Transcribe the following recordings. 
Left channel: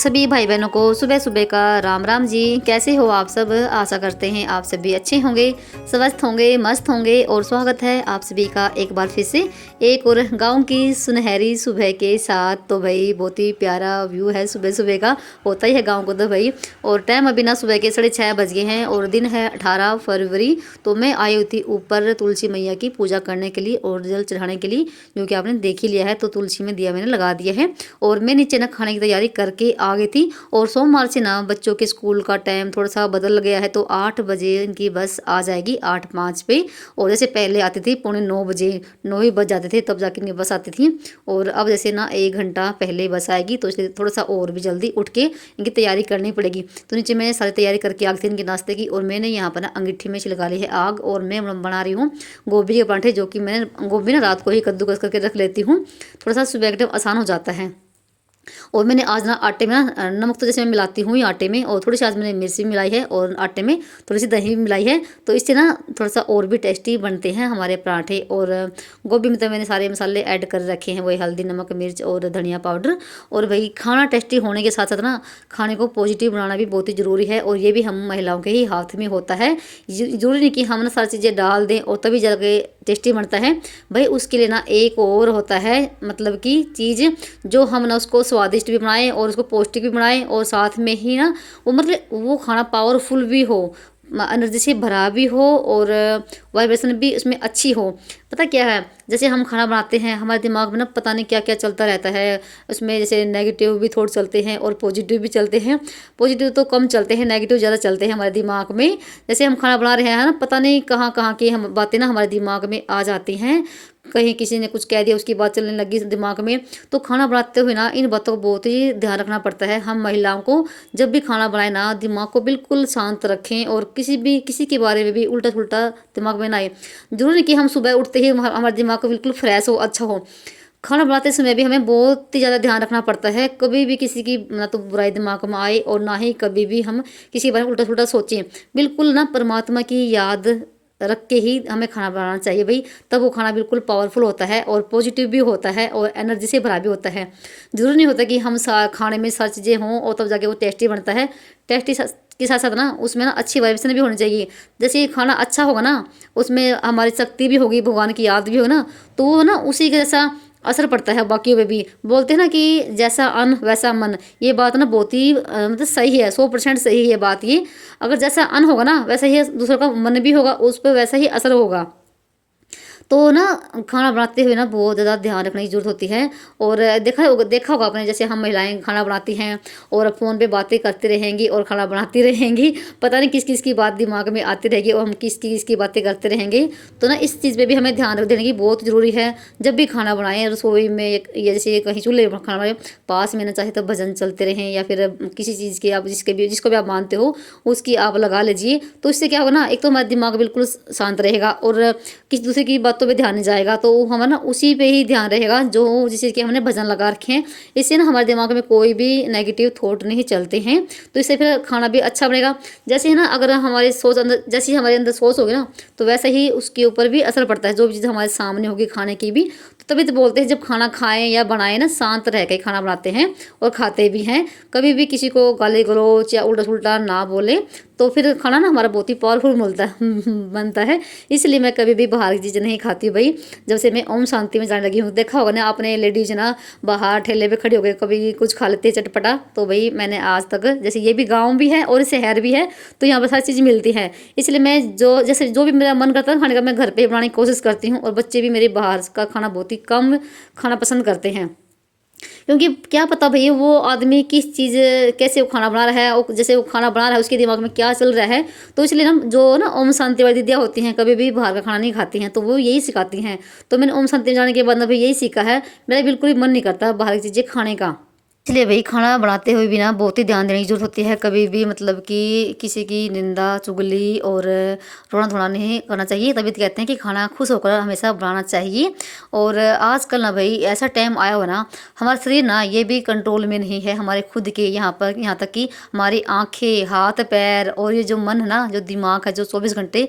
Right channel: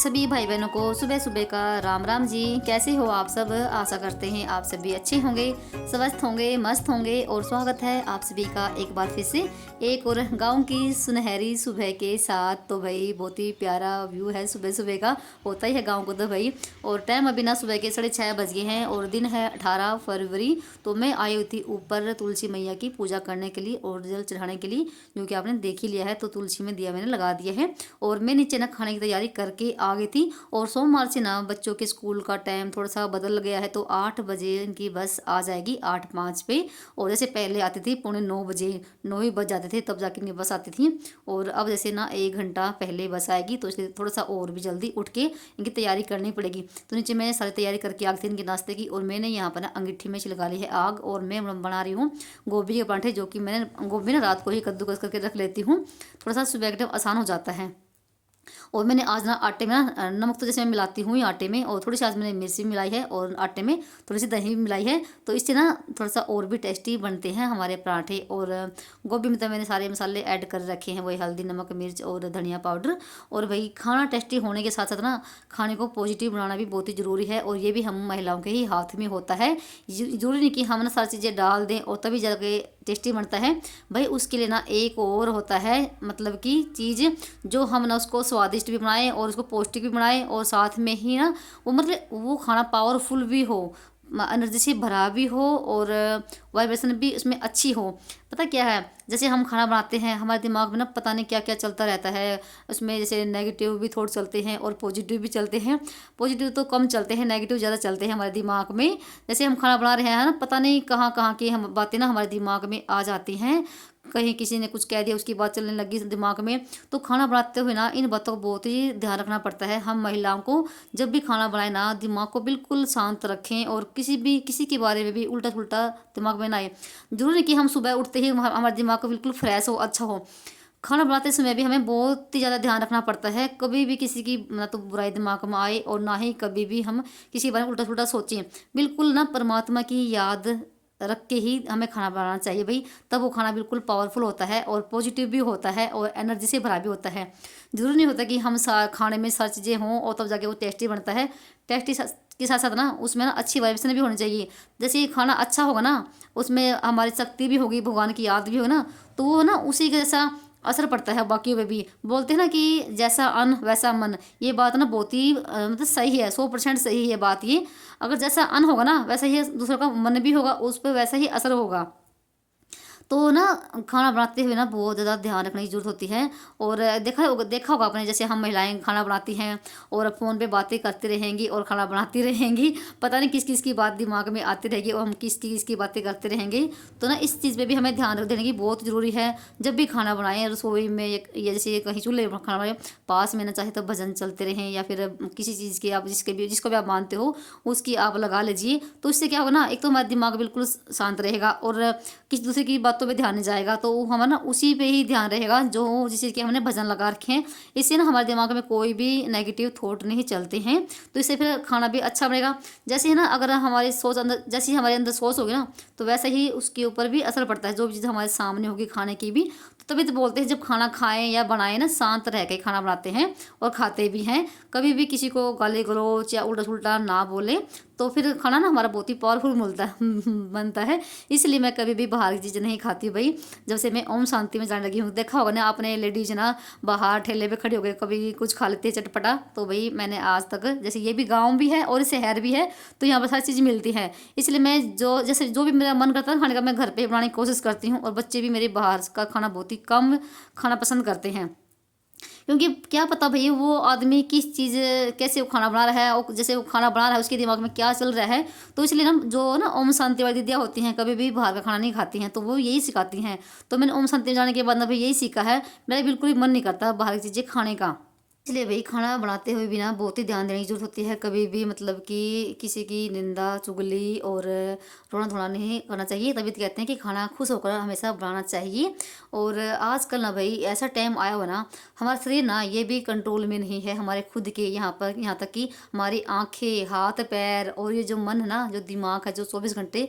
सभी भाई बहनों को सुबह सुबह का राम राम जी। कैसे हो आप सब? आशा करते हैं आप सभी अच्छे होंगे, स्वस्थ होंगे, मस्त होंगे। और स्वागत है आप सभी का एक बार फिर से एक और गांव की सुनहरी सुबह के साथ। तो भाई बहुत ही प्यारा व्यू है सुबह सुबह का, होता ही है गाँव को तो भाई। और टाइम अभी ना सुबह के 6:30 बज गए हैं और दिन है 18 फरवरी। तो मैं आई हुई थी ऊपर तुलसी मैया की पूजा करने के लिए और जल चढ़ाने के लिए, जो कि आपने देख ही लिया है। तो तुलसी में दिया मैंने लगा दिया है और मैं नीचे ना खाने की तैयारी करके आ गई थी। और सोमवार से ना बच्चों के स्कूल का टाइम थोड़ा सा बदल गया है, तो 8 बजे इनकी बस आ जाएगी 8:05 पे। और जैसे पहले आती थी 9:45 बजे, 9 ही बज जाते थे तब जाके इनकी बस आती थी। और अब जैसे ना 1 घंटा पहले बस आएगी, तो इसलिए थोड़ा सा और भी जल्दी उठ के इनकी तैयारी करनी पड़ेगी। तो नीचे मैंने सारी तैयारी करके आ गई थी इनके नाश्ते की। और मैंने यहाँ पर ना अंगीठी में लगा ली है आग, और मैं बना रही हूँ गोभी के पराठे, जो कि मैंने गोभी ना रात को ही कद्दूकस करके रख लेती हूँ, थोड़ा सा सुबह के टाइम आसान हो जाता है। और मैंने आज ना आटे में ना नमक तो जैसे मैं मिलाती हूँ आटे में, और थोड़ी सी आज मैंने मिर्ची भी मिलाई है और आटे में थोड़ी सी दही भी मिलाई है। तो इससे ना थोड़ा सा और भी टेस्टी बनते हैं हमारे पराठे। और गोभी में तो मैंने सारे मसाले ऐड कर रखे हैं, वही हल्दी, नमक, मिर्च और धनिया पाउडर। और भाई खाना टेस्टी होने के साथ साथ ना खाने को पॉजिटिव बनाना भी बहुत ही ज़रूरी है, और ये भी हम महिलाओं के ही हाथ में होता है। ज़रूरी नहीं कि हम ना सारी चीज़ें डाल दें और तभी जाके टेस्टी बनता है भाई। उसके लिए ना एक और होता है, मतलब कि चीज़ जो हम ना उसको स्वादिष्ट भी बनाएं और उसको पौष्टिक भी बनाएं, और साथ में ही ना वो मतलब वो खाना पावरफुल भी हो, एनर्जी से भरा भी हो, और वाइब्रेशन भी उसमें अच्छी हो। पता क्या है, जैसे हम खाना बनाते हैं हमारे दिमाग में ना पता नहीं क्या क्या चलता रहता है। उसमें जैसे नेगेटिव भी थॉट चलते हैं और पॉजिटिव भी चलते हैं। पॉजिटिव तो कम चलते हैं, नेगेटिव ज़्यादा चलते हैं हमारे दिमाग में। जैसे हम खाना बना रहे हैं ना, पता नहीं कहाँ कहाँ की हम बातें ना हमारे दिमाग में आ जाती हैं। कहीं किसी ने कुछ कह दिया, उसकी बात चलने लगी दिमाग में। तो खाना बनाते हुए ना इन बातों को बहुत ही ध्यान रखना पड़ता है हम महिलाओं को। जब भी खाना बनाए ना दिमाग को बिल्कुल शांत रखें, और किसी के बारे में भी उल्टा पुल्टा दिमाग में ना आए। जरूरी नहीं कि हम सुबह उठते ही हमारा दिमाग को बिल्कुल फ्रेश हो, अच्छा हो। खाना बनाते समय भी हमें बहुत ही ज़्यादा ध्यान रखना पड़ता है, कभी भी किसी की ना तो बुराई दिमाग में आए, और ना ही कभी भी हम किसी के बारे में उल्टा पुल्टा सोचें। बिल्कुल ना परमात्मा की याद रख के ही हमें खाना बनाना चाहिए भाई, तब वो खाना बिल्कुल पावरफुल होता है और पॉजिटिव भी होता है और एनर्जी से भरा भी होता है। ज़रूरी नहीं होता कि हम खाने में सारी चीज़ें हों और तब जाके वो टेस्टी बनता है। टेस्टी के साथ साथ ना उसमें ना अच्छी वाइब्रेशन भी होनी चाहिए। जैसे खाना अच्छा होगा ना, उसमें हमारी शक्ति भी होगी, भगवान की याद भी हो ना, तो वो ना उसी के जैसा असर पड़ता है बाकियों पे भी। बोलते हैं ना कि जैसा अन्न वैसा मन, ये बात ना बहुत ही मतलब सही है, 100% सही है बात ये। अगर जैसा अन्न होगा ना वैसा ही दूसरों का मन भी होगा, उस पर वैसा ही असर होगा। तो ना खाना बनाते हुए ना बहुत ज़्यादा ध्यान रखने की ज़रूरत होती है। और देखा होगा आपने, जैसे हम महिलाएं खाना बनाती हैं और फ़ोन पे बातें करती रहेंगी और खाना बनाती रहेंगी, पता नहीं किस किस की बात दिमाग में आती रहेगी और हम किस की बातें करते रहेंगे। तो ना इस चीज़ पे भी हमें ध्यान रख देने की बहुत ज़रूरी है। जब भी खाना बनाएं रसोई में या जैसे कहीं चूल्हे में खाना बनाए, पास में ना चाहे तो भजन चलते रहें, या फिर किसी चीज़ के आप जिसको भी आप मानते हो उसकी आप लगा लीजिए। तो इससे क्या होगा ना, एक तो हमारा दिमाग बिल्कुल शांत रहेगा और किसी दूसरे की बातों पे ध्यान नहीं जाएगा, तो हमारा ना उसी पे ही ध्यान रहेगा जो जिस चीज़ के हमने भजन लगा रखे हैं। इससे ना हमारे दिमाग में कोई भी नेगेटिव थॉट नहीं चलते हैं, तो इससे फिर खाना भी अच्छा बनेगा। जैसे है ना, अगर हमारी सोच अंदर, जैसी हमारे अंदर सोच होगी ना, तो वैसे ही उसके ऊपर भी असर पड़ता है, जो भी चीज़ हमारे सामने होगी खाने की भी। तो तभी तो बोलते हैं जब खाना खाएं या बनाएं ना, शांत रह के खाना बनाते हैं और खाते भी हैं। कभी भी किसी को गाली गलौज या उल्टा सुल्टा ना बोले, तो फिर खाना ना हमारा बहुत ही पावरफुल मिलता बनता है। इसलिए मैं कभी भी बाहर की चीज़ें नहीं खाती हूँ भाई, जब से मैं ओम शांति में जाने लगी हूँ। देखा होगा ना आपने, लेडीज ना बाहर ठेले पे खड़ी हो गए कभी कुछ खा लेते हैं चटपटा। तो भाई मैंने आज तक, जैसे ये भी गाँव भी है और शहर भी है, तो यहाँ पर सारी चीज़ मिलती है। इसलिए मैं जो भी मेरा मन करता है खाने का, मैं घर पर बनाने की कोशिश करती हूँ। और बच्चे भी मेरे बाहर का खाना बहुत ही कम खाना पसंद करते हैं, क्योंकि क्या पता भैया वो आदमी किस चीज़ कैसे वो खाना बना रहा है, और जैसे वो खाना बना रहा है उसके दिमाग में क्या चल रहा है। तो इसलिए हम जो ना ओम शांति वाली दीदियाँ होती हैं, कभी भी बाहर का खाना नहीं खाती हैं, तो वो यही सिखाती हैं। तो मैंने ओम शांति में जाने के बाद ना भाई यही सीखा है, मेरा बिल्कुल भी मन नहीं करता बाहर की चीज़ें खाने का। इसलिए भाई खाना बनाते हुए भी ना बहुत ही ध्यान देने की जरूरत होती है। कभी भी मतलब कि किसी की निंदा चुगली और रोना धोना नहीं करना चाहिए। तभी तो कहते हैं कि खाना खुश होकर हमेशा बनाना चाहिए। और आजकल ना भाई ऐसा टाइम आया हो ना, हमारा शरीर ना ये भी कंट्रोल में नहीं है हमारे खुद के। यहाँ तक कि हमारी आंखें, हाथ पैर और ये जो मन है ना, जो दिमाग है, जो 24 घंटे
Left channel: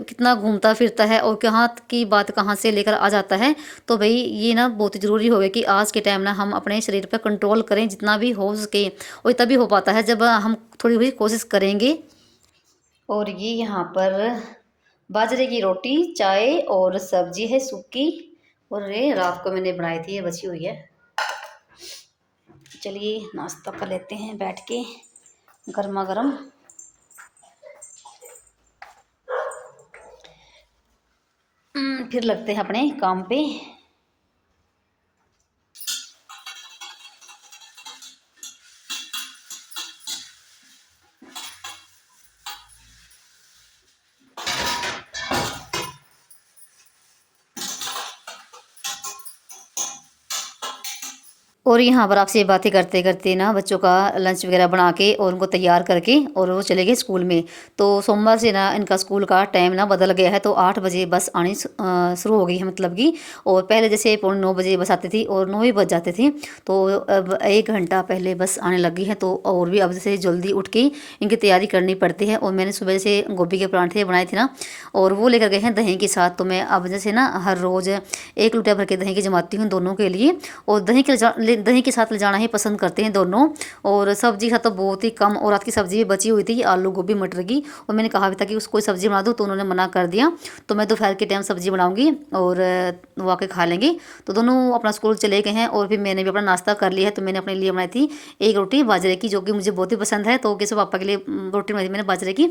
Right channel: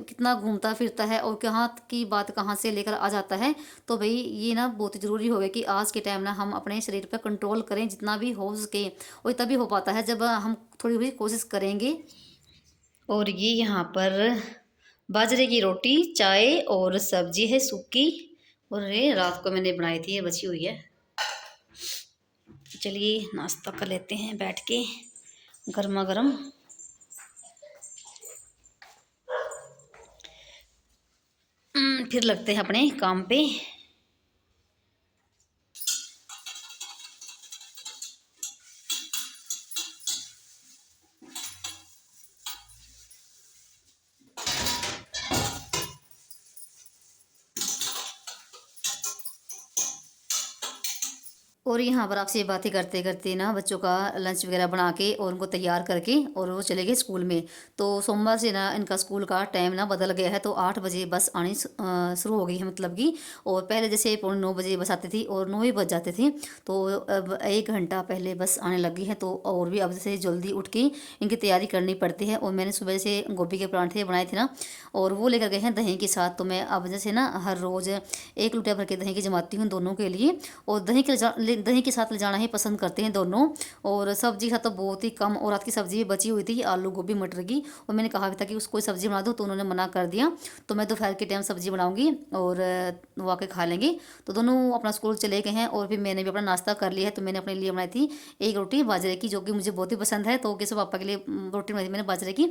कितना घूमता फिरता है और कहाँ की बात कहाँ से लेकर आ जाता है। तो भाई ये ना बहुत ज़रूरी हो गया कि आज के टाइम ना हम अपने शरीर शरीर पर कंट्रोल करें जितना भी हो सके, और तभी हो पाता है जब हम थोड़ी थोड़ी कोशिश करेंगे। और ये यहाँ पर बाजरे की रोटी, चाय और सब्जी है सूखी, और ये रात को मैंने बनाई थी, ये बची हुई है। चलिए नाश्ता कर लेते हैं बैठ के गर्मा गर्म। फिर लगते हैं अपने काम पे। और यहाँ पर आपसे बातें करते करते ना बच्चों का लंच वगैरह बना के और उनको तैयार करके और वो चले गए स्कूल में। तो सोमवार से ना इनका स्कूल का टाइम ना बदल गया है, तो 8 बजे बस आनी शुरू हो गई है, मतलब कि। और पहले जैसे 9:45 बस आती थी और 9 ही बज जाते थे, तो अब 1 घंटा पहले बस आने लगी है। तो और भी अब जैसे जल्दी उठ के इनकी तैयारी करनी पड़ती है। और मैंने सुबह से गोभी के पराठे बनाए थे ना, और वो लेकर गए हैं दही के साथ। तो मैं अब जैसे ना हर रोज़ 1 लोटा भर के दही की जमाती हूँ दोनों के लिए, और दही के साथ ले जाना ही पसंद करते हैं दोनों। और सब्जी का तो बहुत ही कम, और रात की सब्जी भी बची हुई थी आलू गोभी मटर की, और मैंने कहा भी था कि उसको सब्जी बना दो, तो उन्होंने मना कर दिया। तो मैं दोपहर के टाइम सब्जी बनाऊंगी और वो आके खा लेंगे। तो दोनों अपना स्कूल चले गए हैं, और फिर मैंने भी अपना नाश्ता कर लिया है। तो मैंने अपने लिए बनाई थी एक रोटी बाजरे की, जो कि मुझे बहुत ही पसंद है। तो किसी पापा के लिए रोटी बनाई थी मैंने बाजरे की।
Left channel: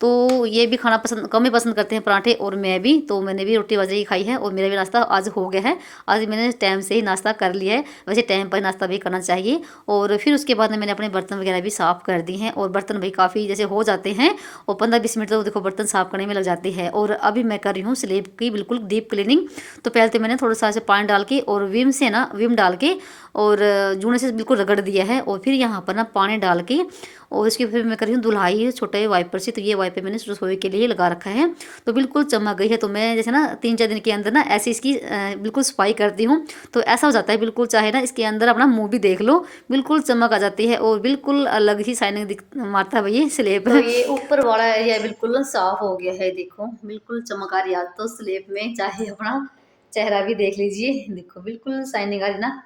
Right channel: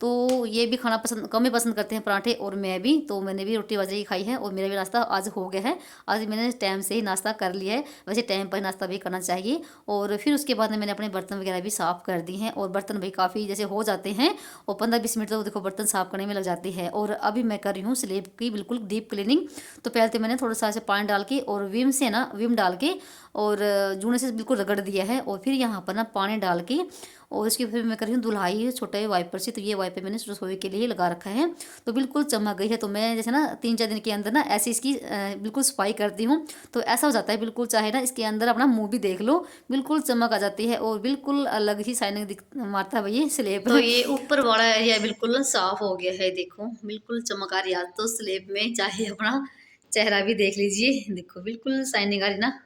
तो ये भी खाना पसंद कम ही पसंद करते हैं पराठे, और मैं भी। तो मैंने भी रोटी बाजरे की खाई है, और मेरा भी नाश्ता आज हो गया है। आज मैंने टाइम से ही नाश्ता कर लिया है, वैसे टाइम पर नाश्ता भी करना चाहिए। और फिर उसके बाद मैंने अपने बर्तन वगैरह भी साफ़ कर दिए हैं, और बर्तन भाई काफ़ी जैसे हो जाते हैं, और 15-20 मिनट तो देखो बर्तन साफ़ करने में लग जाते हैं। और अभी मैं कर रही हूँ स्लेब की बिल्कुल डीप क्लीनिंग। तो पहले तो मैंने थोड़ा सा ऐसे पानी डाल के और विम डाल के और जूने से बिल्कुल रगड़ दिया है, और फिर यहाँ पर ना पानी डाल के और इसकी फिर मैं कर रही हूँ धुलाई छोटे वाइपर से। तो ये वाइपर मैंने रसोई के लिए लगा रखा है, तो बिल्कुल चमक गई है। तो मैं जैसे ना 3-4 दिन के अंदर ना ऐसे इसकी बिल्कुल सफाई करती हूँ, तो ऐसा हो जाता है बिल्कुल, चाहे ना इसके अंदर अपना मुंह भी देख लो, बिल्कुल चमक आ जाती है, और बिल्कुल अलग ही शाइनिंग मारता है भाई ये स्लेब। तो ये ऊपर वाला एरिया बिल्कुल साफ हो गया है, देखो बिल्कुल चमक आ रही है। तो स्लेब में चाहे अपना चेहरा भी देख लीजिए, देखो बिल्कुल शाइनिंग आ रही ना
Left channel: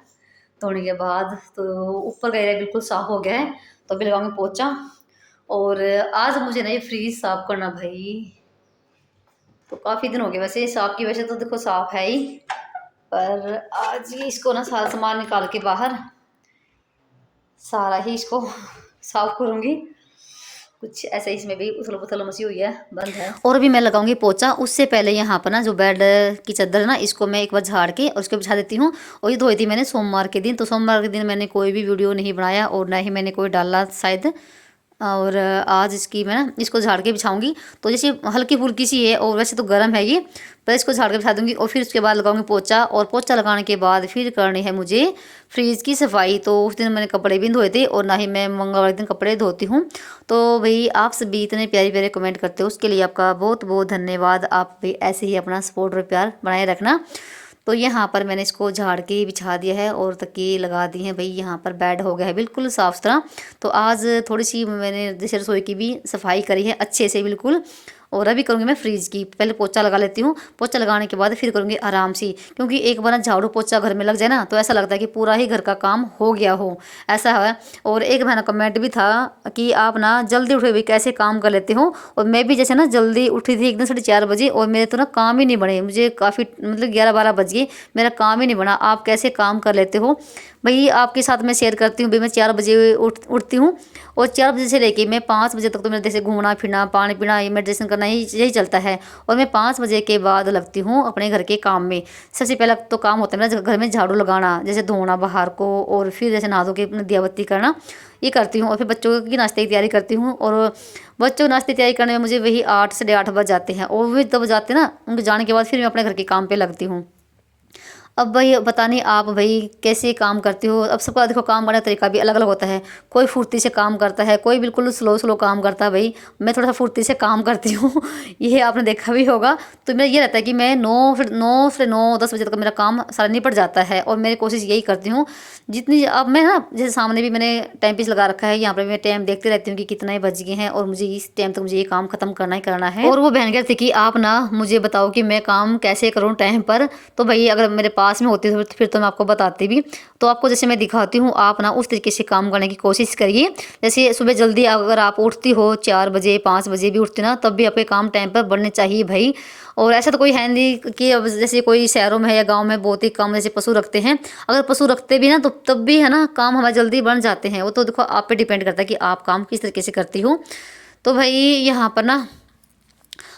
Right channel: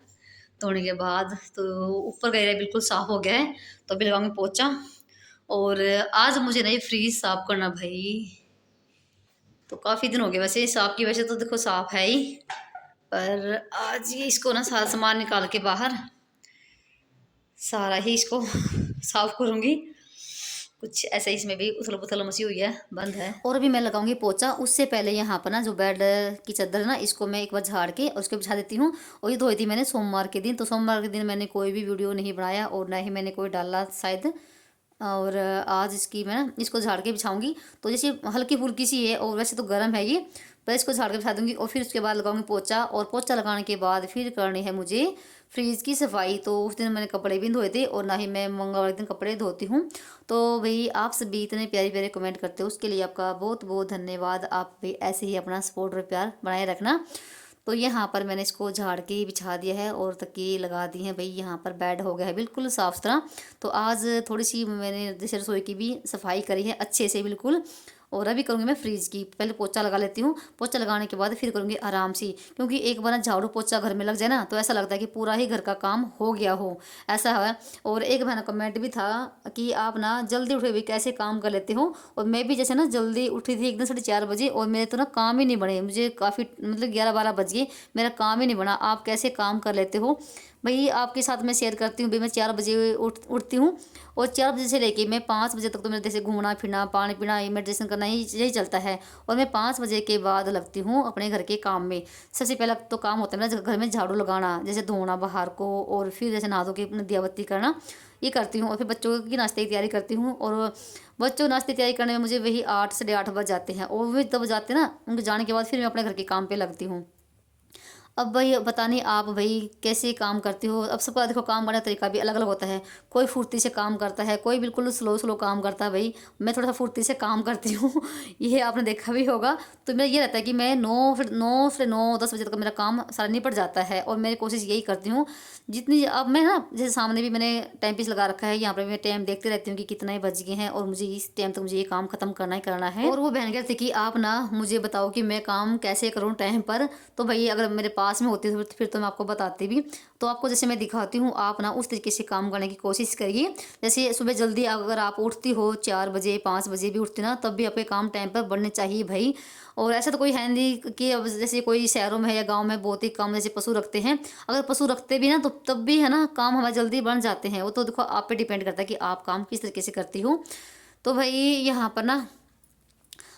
धोने के बाद। तो ऊपर का एरिया बिल्कुल साफ हो गया है। तो अभी लगाऊंगी पोछा। और आज मुझे ना ये फ्रीज साफ करना भाई, तो काफ़ी दिन हो गए वैसे साफ की, वैसे तो देखो साफ है ही, पर आज ये इसको ना सारा सामान निकाल के बाहर सारा ही इसको साफ करूँगी। कुछ ऐसा इसमें भी उथल पुथल मची हुई है, बंद है। और अभी मैं लगाऊंगी पोछा। उससे पहले यहाँ पर ना जो बेड की चादर ना, इसको मैं एक बार झाड़ के और उसको बिछा देती हूँ। और ये धोई थी मैंने सोमवार के दिन। तो सोमवार के दिन मैंने कोई भी वीडियो नहीं बनाया, और ना ही मैंने कोई डाला शायद। और आज इसकी मैं ना इसको झाड़ के बिछाऊंगी। तो जैसे हल्की फुल्की सी है, और वैसे तो गर्म है ये, पर इसको झाड़ के बिछा दूंगी। और फिर उसके बाद लगाऊंगी पोछा, और पोछा लगाने के बाद फिर करनी है मुझे फ्रीज़ की सफाई। तो उस दिन मैंने कपड़े भी धोए थे, और ना ही मैं मंगलवार दिन कपड़े धोती हूँ। तो भाई आप सभी इतने प्यारे प्यारे कमेंट करते हो, उसके लिए आपका बहुत बहुत धन्यवाद। आप भी ऐसे ही अपना सपोर्ट और प्यार बनाए रखना। तो यहाँ पर मैंने इसको झाड़ के बिछा दिया है, और तकिए लगा दिए हैं भाई। यहाँ पर बेड हो गया है बिल्कुल साफ़ सुथरा। तो आज थोड़ी सी मैंने जैसे रसोई की भी सफाई करी है अच्छे से बिल्कुल। और अभी करूँगी मैं फ्रीज की, पहले पोछा लगा लेती हूँ। पोछा लगाने के बाद फिर करूँगी आराम से, क्योंकि एक बार ना झाड़ू पोछा घर में लग जाए ना, तो ऐसा लगता है कि पूरा ही घर का काम हो गया हो, ऐसा है। और एक मैंने कमेंट भी था कि आप ना जल्दी उठे हुए कैसे काम कर लेते हो। और मैं भी जैसे ना जल्दी उठी थी एकदम 4:30 बजे, और मेरे तो ना काम ही नहीं बने, मुझे काफ़ी मतलब 11-12 बज गए, मेरा काम ही नहीं बना। आप कैसे काम कर लेते हो भाई, आपके साथ मैं शेयर करती हूँ भाई। मैं 4 बजे उठती हूँ, और 4 बजे से लेके मैं 5 बजे तक तो मेरे जैसे घूमना फिरना, पानी पीना, ये मेडिटेशन करना, यही चलता है। और मैं 5 बजे के बाद लगती हूँ अपने घर के काम में। सबसे पहला तो काम होता है मेरा घर में झाड़ू लगाना, जैसे धोना बाहर को, और फिर जैसे नहा धो के अपनी दिया बत्ती करना, ये करती हूँ। और फिर बच्चों की नाश्ते की तैयारी करती हूँ, और बच्चों की नाश्ते की तैयारी करने में मुझे वही 8 साढ़े 8 बज जाते हैं। और वही तब जाते हैं ना, उनके जाने के बाद फिर मैं अपने घर के काम पे लगती हूँ। अब भाई पता नहीं आप भाई कैसे काम करते हो। अब सबका देखो काम करने का तरीका भी अलग अलग होता है, कोई फुर्ती से काम करता है, कोई बिल्कुल स्लो स्लो काम करता है। भाई मैं थोड़ा सा फुर्ती से काम करती हूँ ये आपने देखा भी होगा। तो मेरा ये रहता है कि मैं 9 से 10 बजे तक मेरा काम सारा निपट जाता है, और मेरी कोशिश यही करती हूँ जितनी। अब मैं ना जैसे सामने भी मैंने टाइम पीस लगा रखा है, यहाँ पर मैं टाइम देखते रहती हूँ कि कितना ही बज गए हैं, और मुझे इस टाइम तक मुझे ये काम खत्म करना ही करना है। और वो बहन कहती कि आप ना मुझे बताओ कि मैं काम कैसे करूँ टाइम पर। तो भाई अगर मेरे पास पास में होती तो फिर तो मैं आपको बताती भी। तो आपको जैसे मैं दिखाती हूँ, आप ना उस तरीके से काम करने की कोशिश करिए। जैसे सुबह जल्दी अगर आप उठती हो 4 बजे 5 बजे भी उठती ना, तब भी आपके काम टाइम पर बढ़ने चाहिए भाई। और ऐसा तो कोई है नहीं कि अब जैसे कोई शहरों में है या गाँव में बहुत ही कम जैसे पशु रखते हैं, अगर पशु रखते भी ना तो तब भी है ना काम हमारे जल्दी बन जाते हैं। वो तो देखो आप पे डिपेंड करता है कि आप काम किस तरीके से करती हो। तो भाई यहाँ पर ना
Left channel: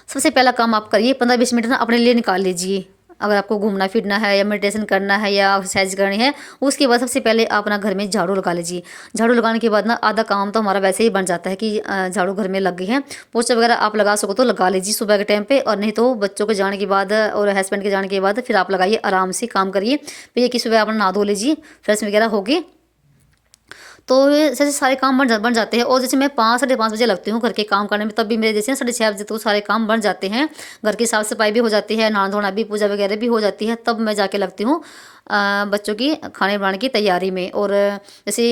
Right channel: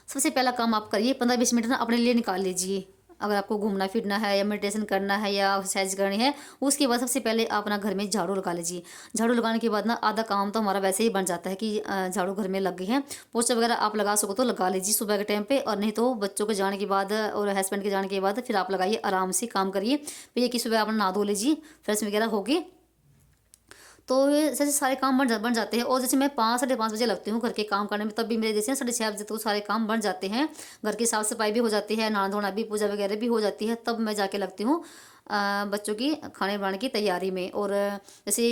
सबसे पहला काम आप करिए, 15-20 मिनट ना अपने लिए निकाल लीजिए। अगर आपको घूमना फिरना है या मेडिटेशन करना है या एक्सरसाइज करनी है, उसके बाद सबसे पहले आप ना घर में झाड़ू लगा लीजिए। झाड़ू लगाने के बाद ना आधा काम तो हमारा वैसे ही बन जाता है कि झाड़ू घर में लग गई है। पोछा वगैरह आप लगा सको तो लगा लीजिए सुबह के टाइम पे, और नहीं तो बच्चों के जाने के बाद और हस्बैंड के जाने के बाद फिर आप लगाइए, आराम से काम करिए। फिर ये कि सुबह आप नहा धो लीजिए, फ्रेश वगैरह होगी, तो ये जैसे सारे काम बन जाते हैं। और जैसे मैं 5 साढ़े 5 बजे लगती हूँ घर के काम करने में, तब भी मेरे जैसे 6:30 बजे तो सारे काम बन जाते हैं। घर की साफ़ सफाई भी हो जाती है, नहाना धोना भी, पूजा वगैरह भी हो जाती है। तब मैं जाके लगती हूँ बच्चों की खाने बनाने की तैयारी में। और जैसे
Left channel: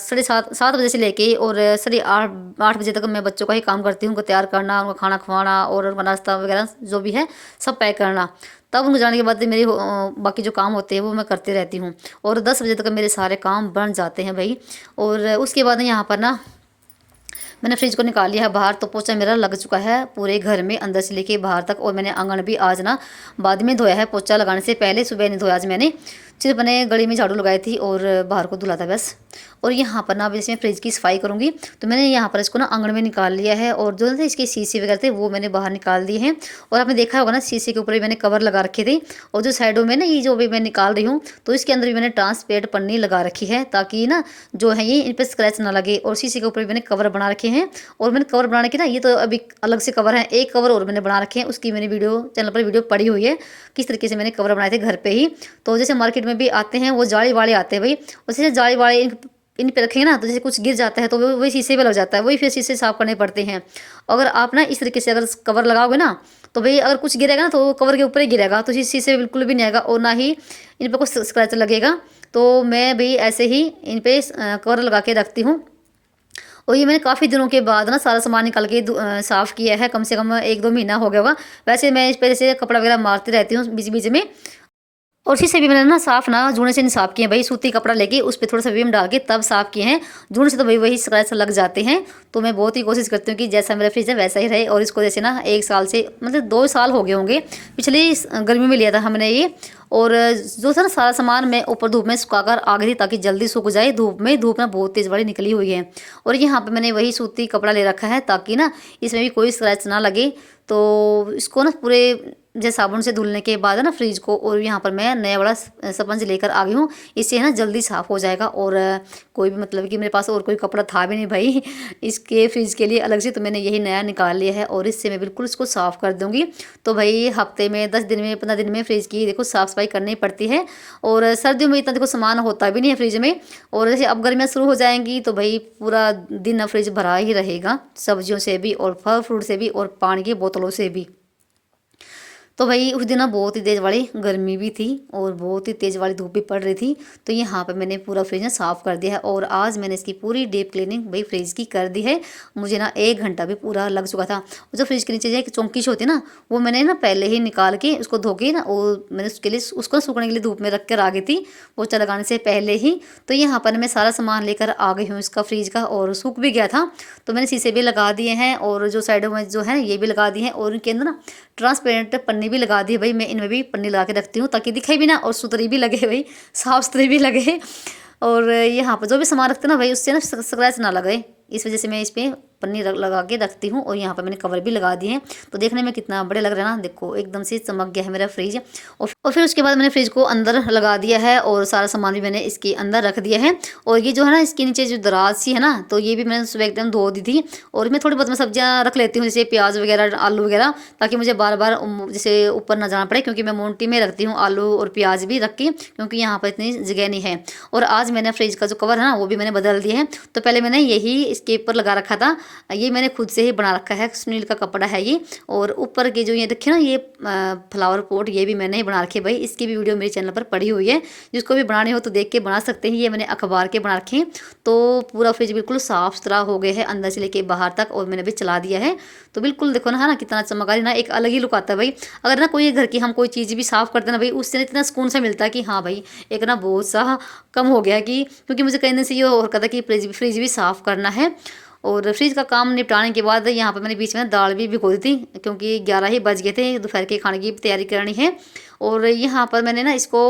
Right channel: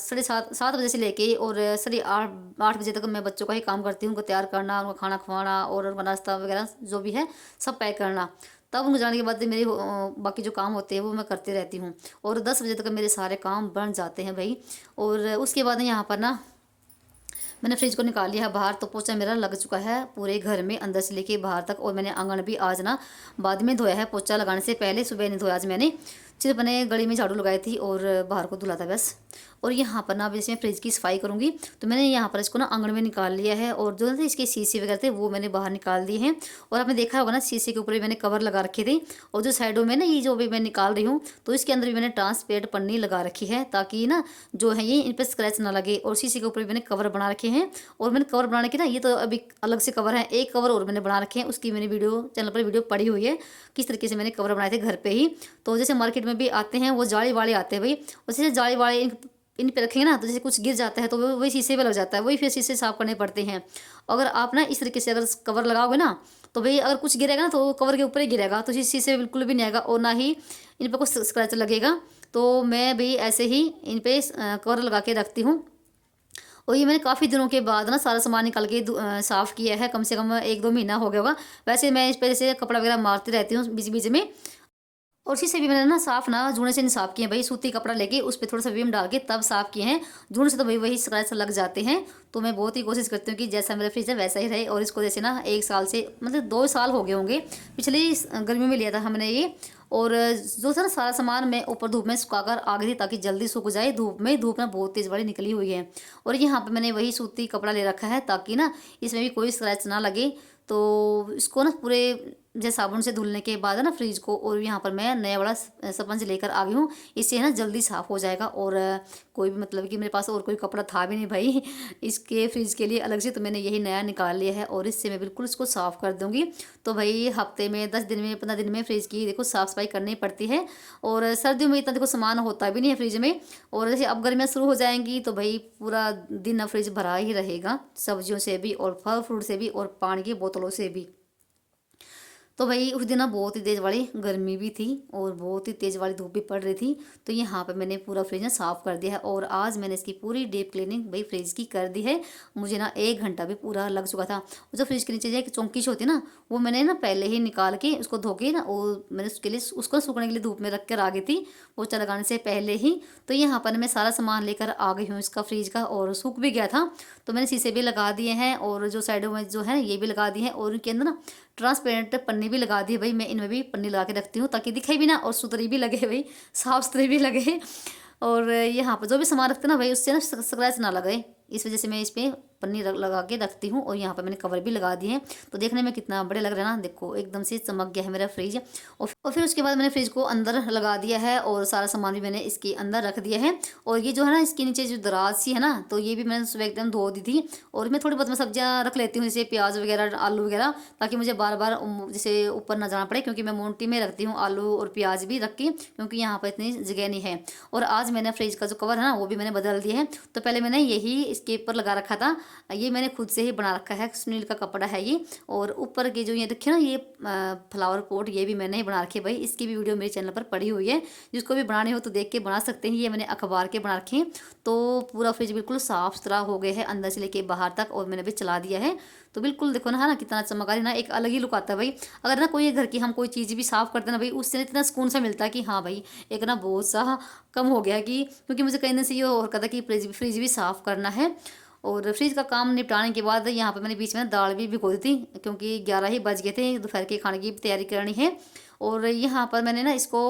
7:30 बजे से लेके और 8:30 बजे तक मैं बच्चों का ही काम करती हूँ, उनको तैयार करना, उनको खाना खवाना और उनका नाश्ता वगैरह जो भी है सब पैक करना। तब उनको जाने के बाद मेरी बाकी जो काम होते हैं वो मैं करती रहती हूँ, और 10 बजे तक मेरे सारे काम बन जाते हैं भाई। और उसके बाद यहाँ पर ना मैंने फ्रिज को निकाल लिया है बाहर, तो पोछा मेरा लग चुका है पूरे घर में अंदर से लेके बाहर तक। और मैंने आंगन भी आज ना बाद में धोया है, पोछा लगाने से पहले सुबह नहीं धोया आज मैंने, सिर्फ मैंने गली में झाड़ू लगाई थी और बाहर को धुला था बस। और यहाँ पर ना अब जैसे मैं फ्रिज की सफाई करूँगी, तो मैंने यहाँ पर इसको ना आंगन में निकाल लिया है, और जो थे इसके शीशे वगैरह थे वो मैंने बाहर निकाल दिए हैं। और आपने देखा होगा ना शीशे के ऊपर भी मैंने कवर लगा रखे थे, और जो साइडों में ना ये जो भी मैं निकाल रही हूँ, तो इसके अंदर भी मैंने ट्रांसपेरेंट पन्नी लगा रखी है, ताकि ना जो है ये इन पर स्क्रैच ना लगे। और शीशे के ऊपर भी मैंने कवर बना रखे हैं, और मैंने कवर बनाने के ना ये तो अभी अलग से कवर है, एक कवर और मैंने बना रखे हैं, उसकी मैंने चैनल पर वीडियो पड़ी हुई है किस तरीके से मैंने कवर बनाए थे घर पे ही। तो जैसे मार्केट में भी आते हैं वो जाली वाले आते हैं भाई, उसी जाली वाले इन पे रखेंगे ना, तो जैसे कुछ गिर जाता है तो वही शीशे पे लग जाता है, वही फिर शीशे साफ करने पड़ते हैं। अगर आप ना इस तरीके से अगर कवर लगाओगे ना, तो भाई अगर कुछ गिरेगा ना तो वो कवर के ऊपर ही गिरेगा, तो शीशे बिल्कुल भी नहीं आएगा, और ना ही इन पर कुछ स्क्रैच लगेगा। तो मैं भी ऐसे ही इन पर कवर लगा के रखती हूँ। और ये मैंने काफ़ी दिनों के बाद ना सारा सामान निकाल के साफ़ किया है, कम से कम 1-2 महीना हो गया होगा। वैसे मैं इस पर जैसे कपड़ा वगैरह मारती रहती हूँ बीच बीच में। और शीशे भी मैंने ना साफ ना जूने से नहीं साफ़ किए भाई, सूती कपड़ा लेके उस पर थोड़ा सा विम डाल के तब साफ़ किए हैं। जूने से तो भाई वही स्क्रैच लग जाते हैं। तो मैं बहुत ही कोशिश करती हूँ कि जैसा मेरा फ्रिज है वैसा ही रहे। और इसको जैसे ना 1 साल से मतलब 2 साल हो गए होंगे, पिछली गर्मी में लिया था हमने ये। और जो था ना सारा सामान मैं ऊपर धूप में सुखाकर आ गई थी, ताकि जल्दी सूख जाए धूप में। धूप ना बहुत तेज़ बड़ी निकली हुई है, और यहाँ पे मैंने वही सूती कपड़ा ले रखा है, ताकि ना इसमें भी कोई स्क्रैच ना लगे। तो इसको ना पूरे जैसे साबुन से धुलने के बाद है ना फ्रिज को, और यहाँ पर मैं नया बड़ा स्पंज लेकर आ गई हूँ, इससे है ना जल्दी साफ़ हो जाएगा। और कोई भी मतलब कि मेरे पास और कोई कपड़ा था भी नहीं भाई इसके फ्रिज के लिए अलग से, तो मैंने यही नया निकाल लिया है, और इससे मैं बिल्कुल इसको साफ़ कर दूँगी। तो भाई हफ्ते में 10 दिन में 15 दिन में फ्रिज की देखो साफ़ सफाई करनी पड़ती है। और सर्दियों में इतना देखो सामान होता भी नहीं है फ्रिज में। और जैसे अब गर्मियाँ शुरू हो जाएंगी तो भाई पूरा दिन फ्रिज भरा ही रहेगा, सब्जियों से भी और फल फ्रूट से भी और पानी की बोतलों से भी। तो भाई उस दिन ना बहुत ही तेज़ वाली गर्मी भी थी, और बहुत ही तेज़ वाली धूप भी पड़ रही थी। तो यहाँ पे मैंने पूरा फ्रिज ना साफ़ कर दिया है, और आज मैंने इसकी पूरी डीप क्लीनिंग भाई फ्रिज की कर दी है। मुझे ना 1 घंटा भी पूरा लग चुका था। जो फ्रिज के नीचे जो चौंकीश होती है ना, वो मैंने ना पहले ही निकाल के उसको धो के ना, और मैंने उसके लिए उसको ना सूखने के लिए धूप में रख कर आ गई थी पोछा लगाने से पहले ही। तो यहाँ पर मैं सारा सामान लेकर आ गई हूँ इसका फ्रिज का, और सूख भी गया था। तो मैंने शीशे भी लगा दिए हैं, और जो साइडों में जो है ये भी लगा दिए हैं, और उनके अंदर ना ट्रांसपेरेंट पन्नी भी लगा दी है भाई। मैं इनमें भी पन्नी लगा के रखती हूँ, ताकि दिखे भी ना और सुथरी भी लगे भाई, साफ सुथरी भी लगे। और यहाँ पर जो भी सामान रखते हैं ना भाई, उससे ना स्क्रैच ना लगे, इस वजह से मैं इस पर पन्नी लगा के रखती हूँ। और यहाँ पर मैंने कवर भी लगा दिए हैं, तो देखने में कितना बड़े लग रहे हैं ना, देखो एकदम से चमक गया है मेरा फ्रिज। और फिर उसके बाद मैंने फ्रिज को अंदर लगा दिया है, और सारा सामान भी मैंने इसके अंदर रख दिया है। और ये जो है ना इसके नीचे जो दराज सी है ना, तो ये भी मैंने सुबह एकदम धो दी थी। और मैं थोड़ी बहुत मैं सब्जियाँ रख लेती हूँ, जैसे प्याज वगैरह आलू वगैरह, ताकि मुझे बार बार जैसे ऊपर ना जाना पड़े, क्योंकि मैं मोन्टी में रखती हूँ आलू और प्याज भी रख के, क्योंकि यहाँ पर इतनी जगह नहीं है। और आज मैंने फ्रिज का जो कवर है ना वो भी मैंने बदल दिया है। तो पहले मैंने यही इसके ऊपर लगा रखा था, ये मैंने खुद से ही बना रखा है, सुनील का कपड़ा है ये। और ऊपर के जो ये देखिए ना ये फ्लावर पॉट, ये भी मैंने ही बना रखे भाई। इसकी भी वीडियो मेरे चैनल पर पड़ी हुई है, जिसको भी बनानी हो तो देख के बना सकते हैं। ये मैंने अखबार के बना रखे हैं। तो पूरा फ्रिज बिल्कुल साफ सुथरा हो गया है अंदर से लेके बाहर तक, और मैंने भी चला दिया है। तो बिल्कुल देखो ना, है ना कितना चमक रही ना, एक अलग ही लुक आता है भाई। अगर ना कोई घर की हम कोई चीज़ भी साफ़ करते हैं ना भाई, उससे ना इतना सुकून सा मिलता है कि हाँ भाई एक ना बोझ सा कम हो गया। कि क्योंकि मुझे कहीं से ये और कहता कि फ्रिज भी साफ़ करना है। और फ्रिज का काम निपटाने के बाद यहाँ पर मैंने बीच में दाल भी भिगो दी थी, क्योंकि 11 ही बज गए थे, दोपहर के खाने की तैयारी करनी है। और यहाँ पर मैंने ना इसको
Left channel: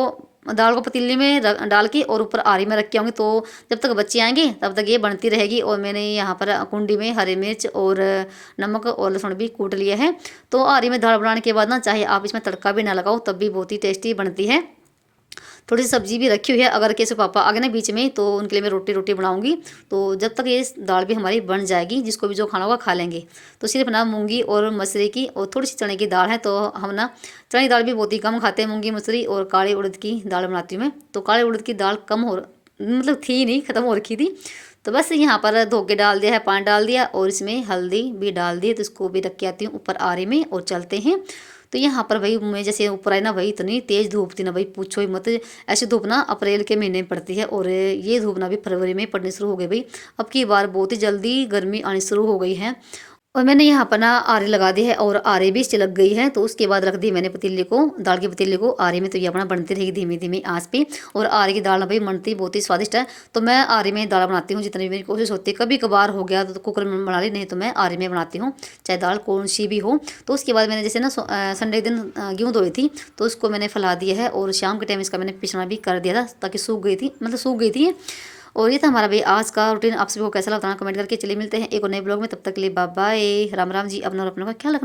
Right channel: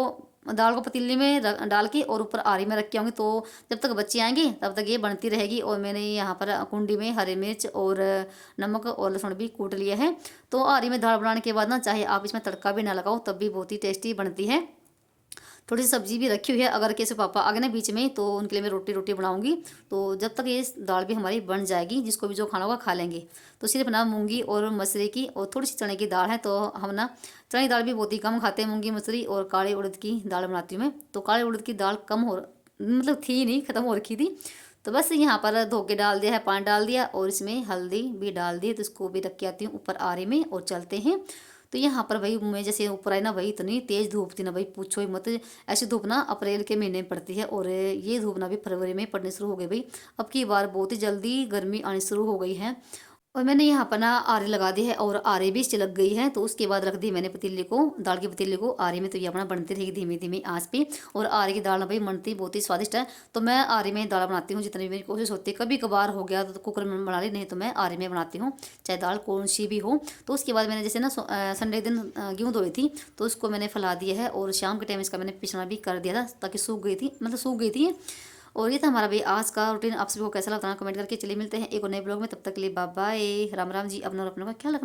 दाल को पतीली में डाल के और ऊपर आरी में रख के आऊँगी। तो जब तक बच्चे आएंगे तब तक ये बनती रहेगी। और मैंने यहाँ पर कुंडी में हरी मिर्च और नमक और लहसुन भी कूट लिया है। तो आरी में दाल बनाने के बाद ना, चाहे आप इसमें तड़का भी ना लगाओ तब भी बहुत ही टेस्टी बनती है। थोड़ी सी सब्जी भी रखी हुई है, अगर कैसे पापा आ गए ना बीच में तो उनके लिए मैं रोटी रोटी बनाऊंगी। तो जब तक ये दाल भी हमारी बन जाएगी, जिसको भी जो खाना होगा खा लेंगे। तो सिर्फ ना मूंगी और मसूरी की और थोड़ी सी चने की दाल है। तो हम ना चने की दाल भी बहुत ही कम खाते हैं, मूंगी मसूरी और काले उड़द की दाल बनाती हूँ मैं। तो काले उड़द की दाल कम हो, मतलब थी नहीं, ख़त्म हो रखी थी। तो बस यहाँ पर धो के डाल दिया है, पानी डाल दिया और इसमें हल्दी भी डाल दी। तो इसको भी रख के आती हूँ ऊपर आरे में और चलते हैं। तो यहाँ पर भाई मैं जैसे ऊपर आई ना भाई, इतनी तेज़ धूप थी ना भाई, पूछो ही मत। ऐसी धूप ना अप्रैल के महीने में पड़ती है, और ये धूप ना भी फरवरी में पड़नी शुरू हो गई भाई। अब की बार बहुत ही जल्दी गर्मी आनी शुरू हो गई है। और मैंने यहाँ पर ना आरे लगा दी है, और आरे भी इससे लग गई है। तो उसके बाद रख दी मैंने पतीले को, दाल की पतीले को आरे में। तो ये अपना बनती रहेगी धीमी धीमी आंच पे। और आरे की दाल ना भाई बनती बहुत ही स्वादिष्ट है। तो मैं आरे में दाल बनाती हूँ, जितनी भी मेरी कोशिश होती है। कभी कभार हो गया तो कुकर में बना ली, नहीं तो मैं आरे में बनाती हूँ, चाहे दाल कौन सी भी हो। तो उसके बाद मैंने जैसे ना संडे के दिन गेहूँ धोई थी, तो उसको मैंने फैला दिया है। और शाम के टाइम इसका मैंने पिसना भी कर दिया था, ताकि सूख गई थी, मतलब सूख गई थी। और ये था हमारा भाई आज का रूटीन। आप सभी को कैसा लगा कमेंट करके। चलिए मिलते हैं एक और नए ब्लॉग में, तब तक के लिए बाय बाय, राम राम जी। अपना और अपनों का ख्याल रखना।